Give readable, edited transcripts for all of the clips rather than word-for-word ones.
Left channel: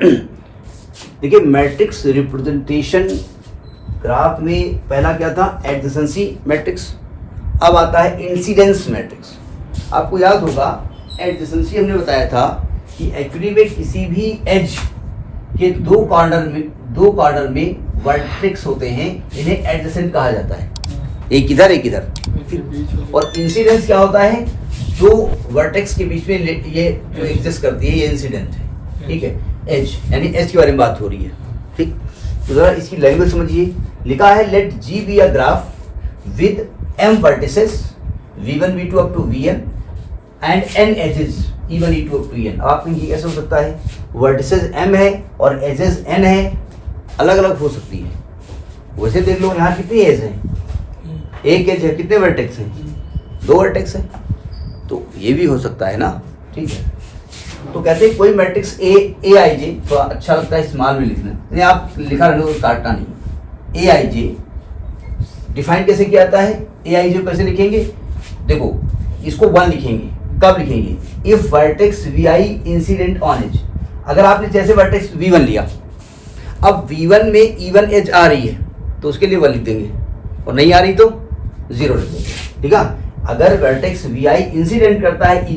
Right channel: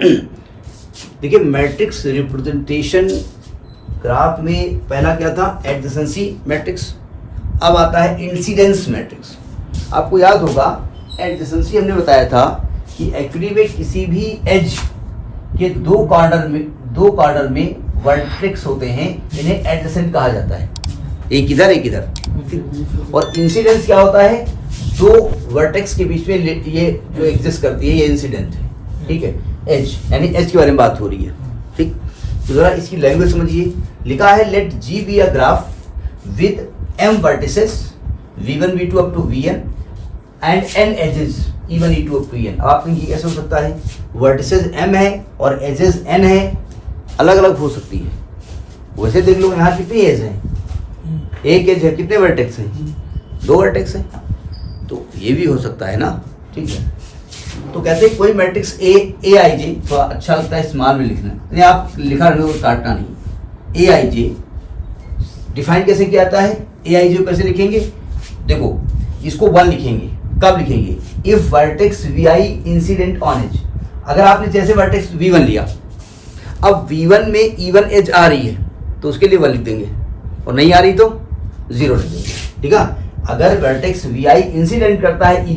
देखिए matrix representation graph में पहला क्या था, एडजेसेंसी मैट्रिक्स। अब आता है इंसिडेंस मैट्रिक्स। आपको याद होगा एडजेसेंसी हमने बताया था कि एक्चुअली में किसी भी एज के दो कॉर्नर में वर्टेक्स होते हैं, इन्हें एडजेसेंट कहा जाता है, एक इधर एक इधर। और इंसिडेंस क्या होता है, दो वर्टेक्स के बीच में ये जो एग्जिस्ट करती है ये इंसिडेंट है, ठीक है। एज यानी एज के बारे में बात हो रही है, ठीक। तो जरा इसकी लैंग्वेज समझिए। लिखा है let G be a graph with m vertices v1 v2 up to vn and n edges e1 e2 up to en। अब आप कहेंगे कैसे हो सकता है, वर्टिसेस m है और एजेस n है, अलग अलग हो सकती है। वैसे देख लो यहाँ कितनी एज है, एक एज है, कितने वर्टेक्स हैं, दो वर्टेक्स हैं, तो ये भी हो सकता है ना, ठीक है। तो कहते हैं कोई मैट्रिक्स ए आई जे, थोड़ा अच्छा लगता है स्मॉल में लिखना, नहीं आप लिखा रहने को काटना नहीं। ए आई जे डिफाइन कैसे किया जाता है, ए आई जे कैसे लिखेंगे, देखो इसको 1 लिखेंगे, कब लिखेंगे, if vertex v i incident on edge. अगर आपने जैसे वर्टेक्स v1 लिया, अब v1 में e1 एज आ रही है तो उसके लिए 1 लिख देंगे, और नहीं आ रही तो 0 लिख देंगे, ठीक है। अगर वर्टेक्स वी आई इंसिडेंट करता है ई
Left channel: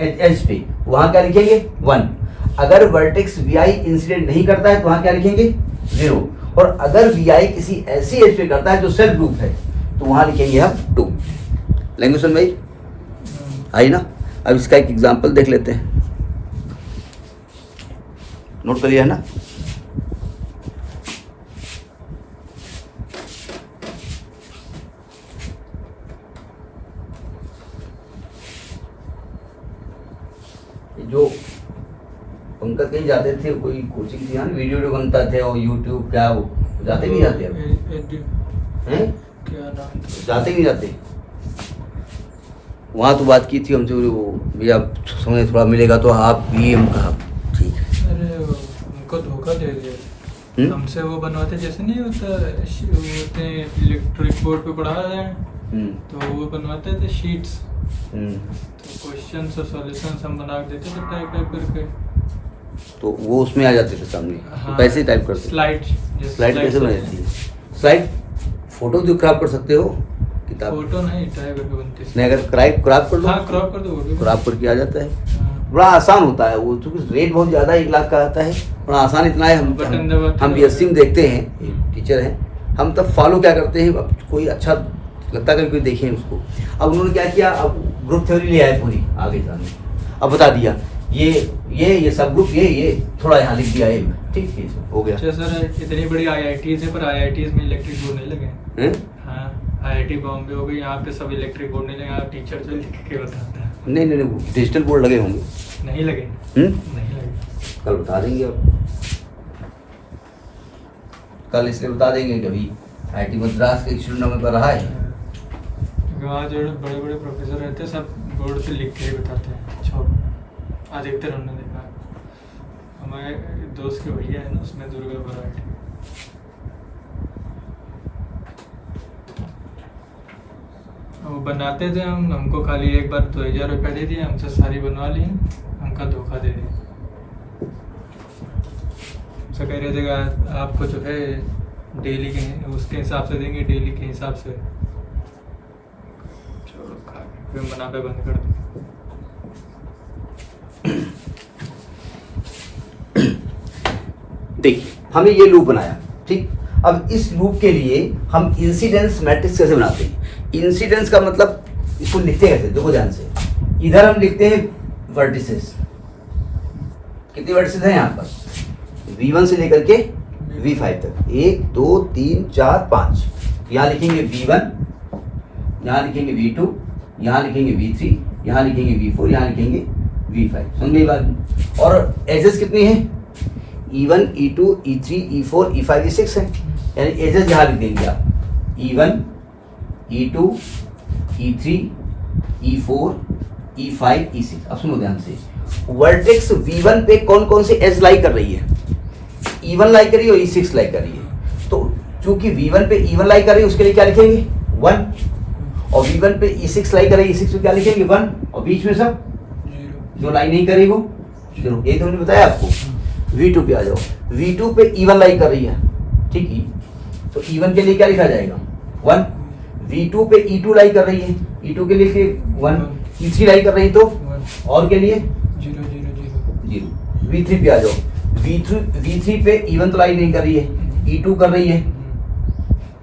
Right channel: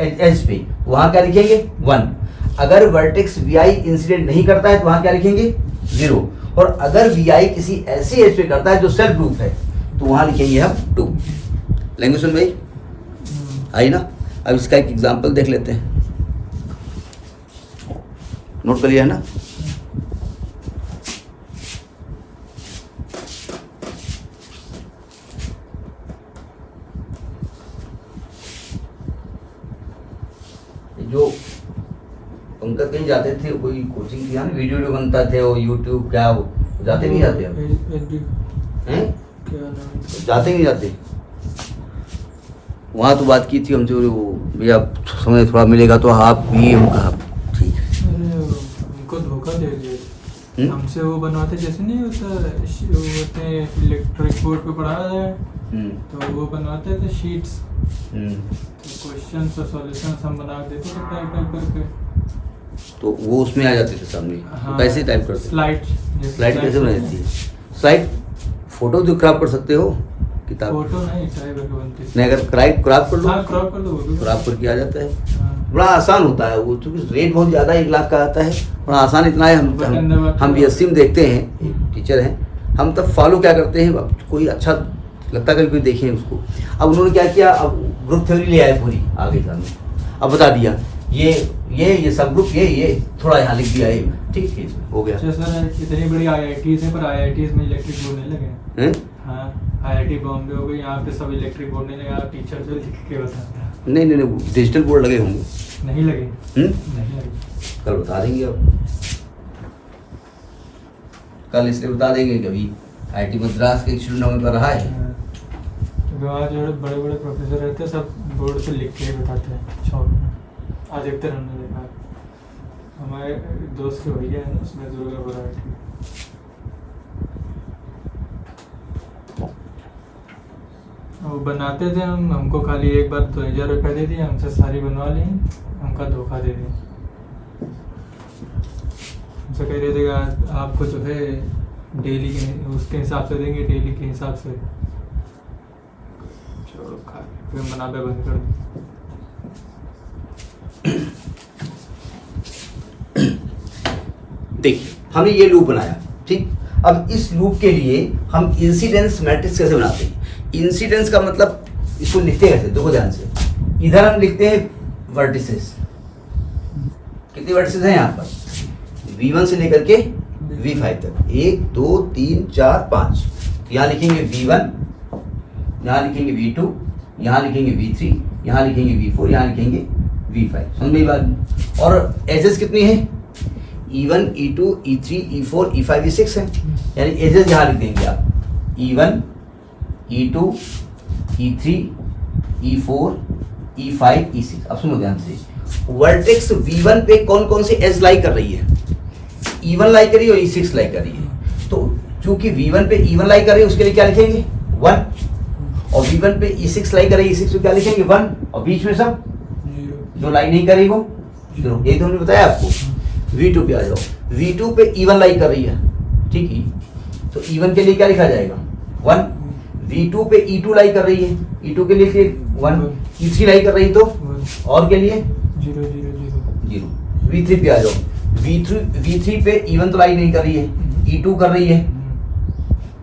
एज पे, वहां क्या लिखेंगे 1। अगर वर्टेक्स वी आई इंसिडेंट नहीं करता है तो वहां क्या लिखेंगे 0। और अगर वी आई किसी ऐसी एज पे करता है जो सेल्फ ग्रुप है तो वहां लिखेंगे हम 2। लैंग्वेज सुन भाई आई ना। अब इसका एक एग्जांपल देख लेते हैं, नोट कर लिया है ना। जो पंकज कहीं जाते थे, कोई कोचिंग थी ना, वीडियो बनता थे वो यूट्यूब, क्या वो जाते नहीं जाते अब हैं, क्या नाम, जाते नहीं जाते वहाँ। तो बात की थी हमसे वो भैया समय थोड़ा मिलेगा तो आप भी, हम कहा ठीक है। अरे उनको धोखा दे दिया, हमसे वो बनवाते जैसे नहीं होते हैं इलेक्ट्रिक बोर्ड पे पढ़ा जाए, तो वो बनवाते थे शीट्स, तो क्वेश्चन और सॉल्यूशन हम बना के देते थे टाइप करके, तो वो उसमें आ जाते थे सामने। हाँ, कैसे टाइप करते, स्लाइड कैसे बनाई जाती है, स्लाइड फोटो जो क्रॉप कर सकते हो, किताब फोटो नहीं टाइप करके बनती है, नहीं अगर क्रॉप कर लो, हाँ क्रॉप कर दो, क्रॉप करके आ जाता है। बड़ा आसान होता है वो, क्योंकि रेट बहुत ज़्यादा 1 लाख का आता है, बड़ा आसान इतना है। हम BSc में देखते हैं, टीचर हैं हम, तब फॉलो क्या करते हैं, अब कोई अच्छा लगता है कोई देखें उसको। अब उन्होंने क्या किया, अब ग्रुप थ्योरी ले आए पूरी आगे सामने, अब बता दिया ये सब ग्रुप ये थोड़ा यहाँ लिख दिया, ये ठीक है हो गया। अच्छा सर, इतनी बड़ी IITs है पर IITs में इलेक्ट्रिक बोर्ड नहीं लगे हैं। हाँ IIT बॉम्बे हो गई, यहाँ पे सब इलेक्ट्रिक बोर्ड नहीं लगे, टीचर जो लिख के बताता है। नहीं डिजिटल बोर्ड लगे होंगे, नहीं लगे, नहीं लगे, कल बता देंगे। अब कल इसलिए बता देंगे, कभी IIT मद्रास के स्टूडेंट हमें पर रहा है, वहाँ जो बड़े बड़े प्रोफेसर रहते हैं सब बोर्ड से लिख के बताते हैं। अधिकतर हमने देखा, हमारे दोस्त के भैया है ना, उसमें दुर्गा वैरायटी वो बनाते थे, हमको खाली एक बार 2000 रुपये दे दिए, हमसे सारी बनवा ली, हमका धोखा दे दिया। हमसे कह रहे थे आपको जो है डेली के उसके हिसाब से देंगे, डेली के हिसाब से, चलो खा फिर मनाबे बंद कर दो। देखिए हमने ये लूप बनाया, ठीक। अब इस लूप के लिए हम इंसिडेंस मैट्रिक्स कैसे बनाते हैं, इंसिडेंस का मतलब इसको लिखते कैसे, देखो ध्यान से। इधर हम लिखते हैं वर्टिसेस, कितने वर्टिसेस हैं यहाँ पर, V1 से लेकर के V5 तक, 1 2 3 4 5। यहाँ लिखेंगे V1, यहाँ लिखेंगे V2, यहाँ लिखेंगे V3, यहाँ लिखेंगे V4, यहाँ लिखेंगे V5। समझ में बात। और एजेस कितनी है, E1 E2 E3 E4 E5 E6 है, यानी एजेस यहाँ लिख देंगे आप, E1 E2 E3 E4 E5 E6। अब सुनो ध्यान से, वर्टेक्स V1 पे कौन कौन से एज लाई कर रही है, E1 लाई कर रही है और E6 लाई कर रही है। तो चूंकि V1 पे E1 लाई कर रही है उसके लिए क्या लिखेंगे 1, और V1 पे E6 लाई कर रही है, E6 पे क्या लिखेंगे 1, और बीच में सब जो लाई नहीं करेगी वो 0। यही तो हमने बताया आपको। V2 पे आ जाओ। V2 पे E1 लाई कर रही है, ठीक है, तो E1 के लिए क्या लिखा जाएगा 1। V2 पे E2 लाई कर रही है, E2 के लिए फिर 1। E3 लाई कर रही तो और के लिए 0। V3 पे आ जाओ। V3 पे E1 तो लाई नहीं कर रही है, E2 कर रही है,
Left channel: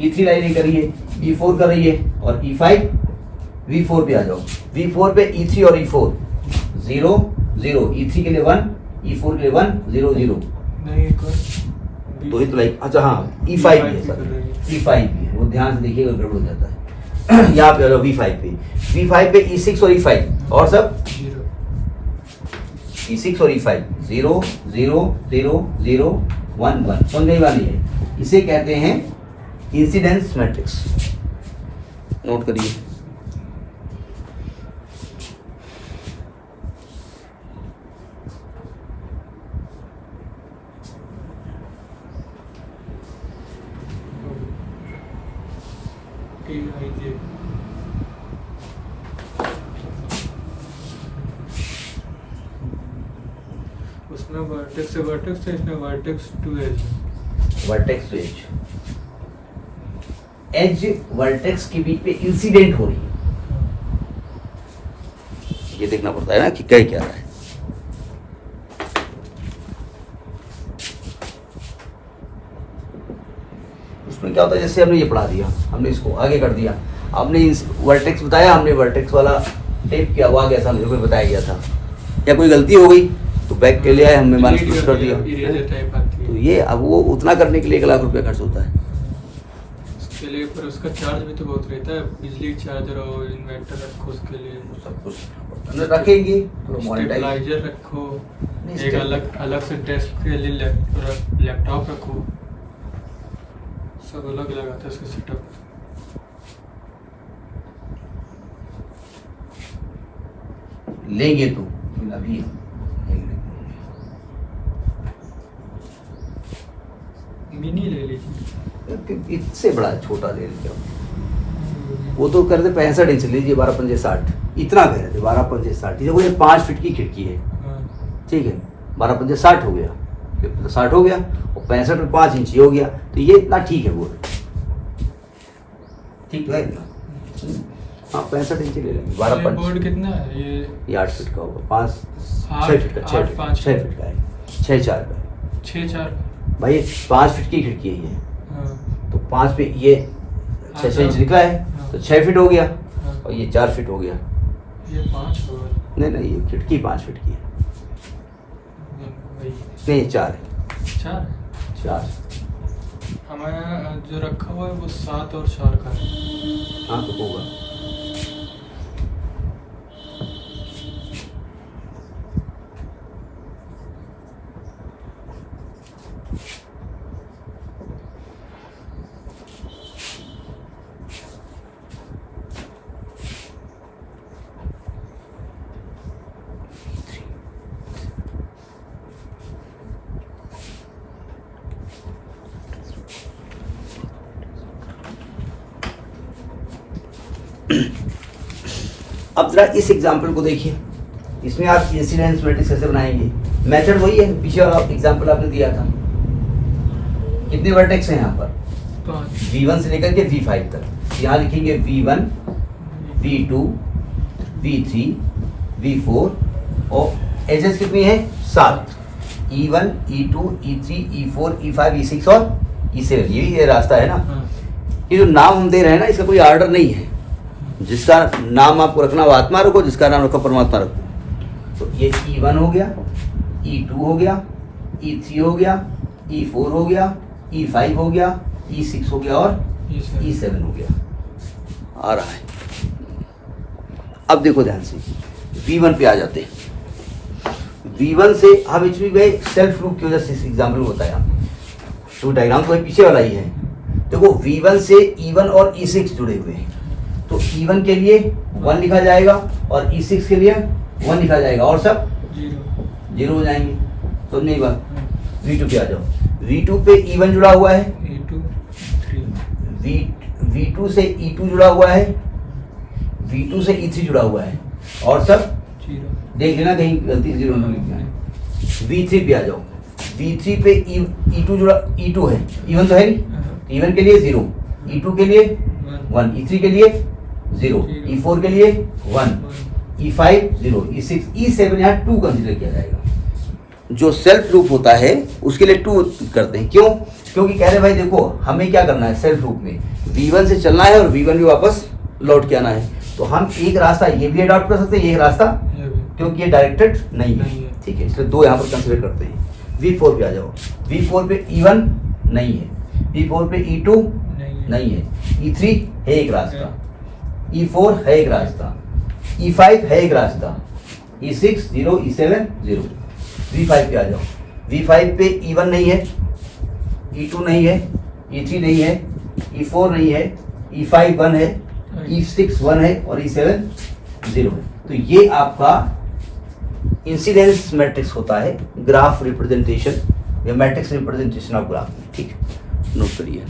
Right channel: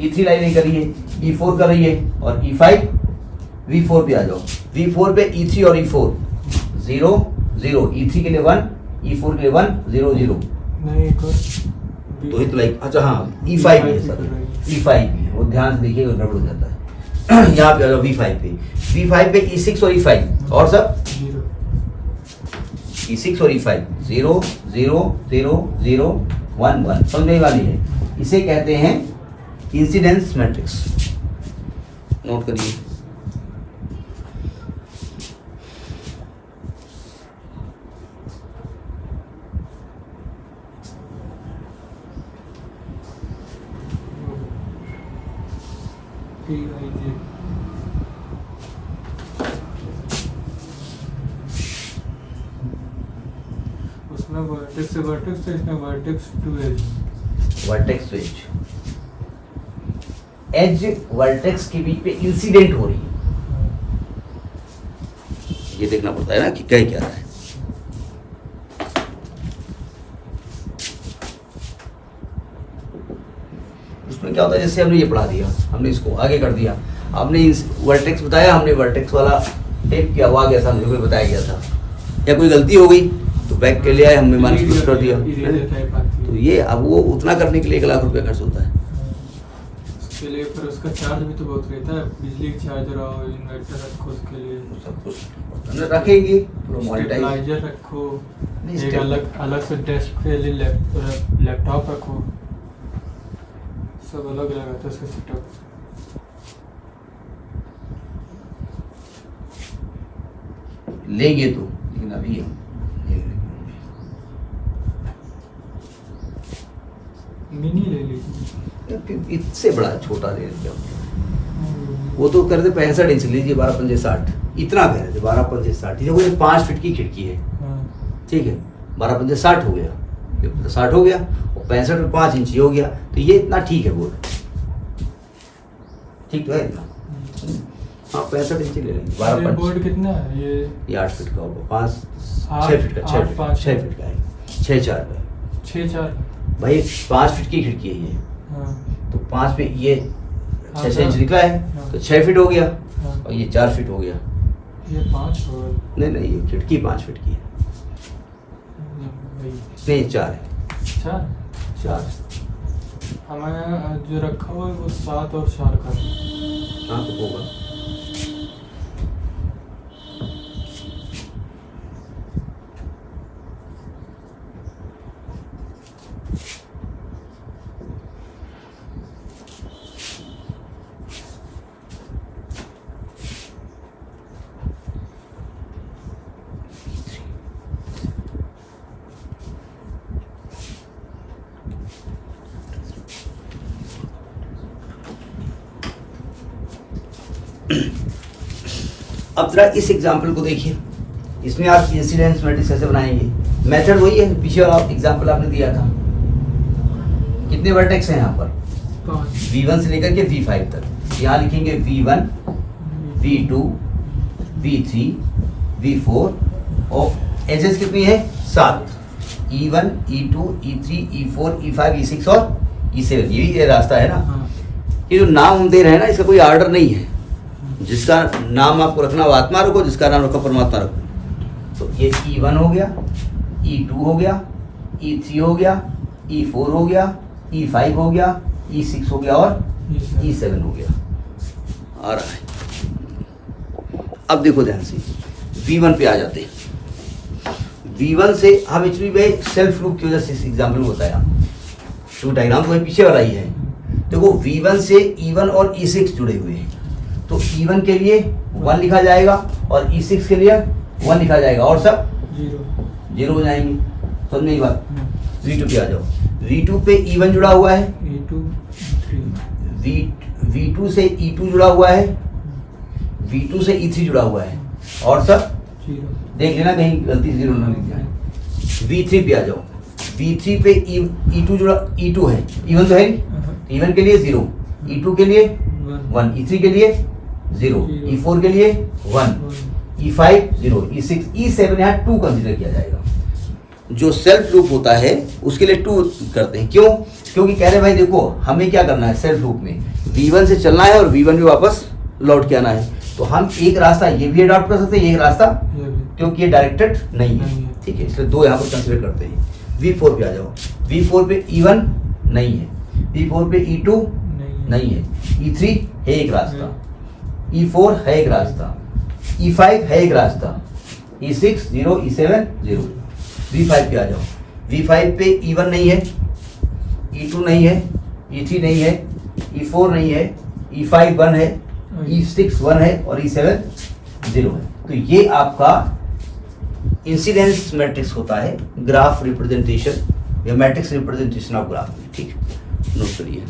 E3 लाई नहीं कर रही है, E4 कर रही है और E5। V4 पे आ जाओ। V4 पे E3 और E4 0 0, E3 के लिए 1, E4 के लिए 1 0 0। नहीं एक और तो ही तो लाइक, अच्छा हाँ E5 भी है सर, E5 भी है, वो ध्यान से देखिएगा गड़बड़ हो जाता है। यहाँ पे आ जाओ V5 पे, V5 पे E6 और E5 और सब 6 और E5 0 0 0 0 1 1, समझने वाली है। इसे कहते हैं इंसिडेंस मैट्रिक्स, नोट करिए। उसमें वर्टेक्स से वर्टेक्स है, इसमें vertex to edge. Vertex to edge vertex के बीच पे इंसिडेंट हो रही है, ये देखना पड़ता है ना कि कह क्या रहा है। उसमें क्या होता है, जैसे हमने ये पढ़ा दिया, हमने इसको आगे कर दिया, आपने वर्टेक्स बताया, हमने वर्टेक्स वाला टेप किया, वो आ गया सामने, कोई बताया गया था, या कोई गलती हो गई तो बैक के लिए आए, हमने माइनस कर दिया। तो ये अब वो उतना करने के लिए 1 लाख रुपया खर्च होता है। उसके लिए पर उसका चार्ज भी तो बहुत रहता है, बिजली चार्जर और इन्वर्टर रखो, उसके लिए सब कुछ रखेंगे, स्टेबलाइजर रखो, एक अलग से डेस्क के लिए लैपटॉप रखो, सब अलग अलग आता है उसका सेटअप। लेंगे तो, लेकिन अभी हम मिनी ले लीजिए, इससे बड़ा छोटा ले क्या, वो तो कर दे 65 इंच लीजिए, 12 पंजे 60, इतना कह रहे थे 12 पंजे 60। देखो ये 5 फीट की खिड़की है, ठीक है, 12 पंजे 60 हो गया, 60 हो गया और 65 और 5 इंच हो गया, तो ये इतना ठीक है बोर्ड, ठीक तो है इतना। हाँ 65 इंच ले लेंगे, 12 पंच। बोर्ड कितना है ये 8 फीट का होगा, 6 फीट का, 6 फीट का, 6 4 का, 6 4 भाई 5 फीट की खिड़की है ये, हाँ तो 5 पे ये 6 इंच निकला है, तो 6 फीट हो गया और ये 4 फीट हो गया। ये 5 होगा, नहीं ये खिड़की 5 फीट की है, नहीं 4 है, 4। हमारा जो रखा हुआ है वो 7 और 4 का है। हाँ तो होगा। अब जरा इस एग्जाम्पल को देखिए, इसमें आप इंसिडेंस मैट्रिक्स कैसे बनाएंगे। मेथड वही है, पीछे वाला एग्जाम्पल आपने दिया था। कितने वर्टेक्स हैं यहाँ पर, V1 से लेकर के V5 तक। यहाँ लिखेंगे V1, V2, V3, V4 और एजेस कितनी है 7, E1, E2, E3, E4, E5, E6 और E7। ये रास्ता है ना। ये जो नाम हम दे रहे हैं ना, इसका कोई ऑर्डर नहीं है। जिसका नाम आपको रखना वो आत्मा रखो, जिसका नाम रखो परमात्मा रखो। तो ये E1 हो गया, E2 हो गया, E3 हो गया, E4 हो गया, E5 हो गया, E6 हो गया और E7 हो गया। आ रहा है। अब देखो ध्यान से, V1 पे आ जाते हैं। V1 से हम एक्चुअली भाई सेल्फ लूप की वजह से इस एग्जाम्पल में बताया, तो डायग्राम तो पीछे वाला ही है। देखो V1 से E1 और E6 जुड़े हुए हैं, तो E1 के लिए 1 लिखा जाएगा और E6 के लिए 1 लिखा जाएगा और सब 0 हो जाएंगे। समझ नहीं बात। V2 पे आ जाओ। V2 पे E1 जुड़ा हुआ है, V2 से E2 जुड़ा हुआ है, V2 से E3 जुड़ा हुआ है और सब देख लेना कहीं गलती से 0 ना लिख जाए। V3 पे आ जाओ। V3 पे E2 जुड़ा, E2 है, E1 तो है नहीं, E1 के लिए 0, E2 के लिए 1, E3 के लिए 0, E4 के लिए 1, E5 0, E6, E7 यहाँ 2 कंसिडर किया जाएगा। जो सेल्फ लूप होता है उसके लिए 2 करते हैं, क्यों? क्योंकि कह रहे भाई देखो हमें क्या करना है सेल्फ लूप में, V1 से चलना है और V1 भी वापस लौट के आना है, तो हम एक रास्ता ये भी अडॉप्ट कर सकते हैं, एक रास्ता ये भी क्योंकि ये डायरेक्टेड नहीं है, नहीं है। ठीक है, इसलिए 2 यहाँ पर कंसिडर करते हैं। V4 पे आ जाओ, V4 पे E1 नहीं है, V4 पे E2 नहीं है, E3 है एक रास्ता, E4 है एक रास्ता, E5 है एक रास्ता, E6 0, E7 0। V5 पे आ जाओ, V5 पे E1 नहीं है, E2 नहीं है, E3 नहीं है, E4 नहीं है, E5 1 है, E6 1 है और E7 0 है। तो ये आपका इंसिडेंस मैट्रिक्स होता है ग्राफ रिप्रेजेंटेशन या मैट्रिक्स रिप्रेजेंटेशन ऑफ ग्राफ में, ठीक, नोट करिए।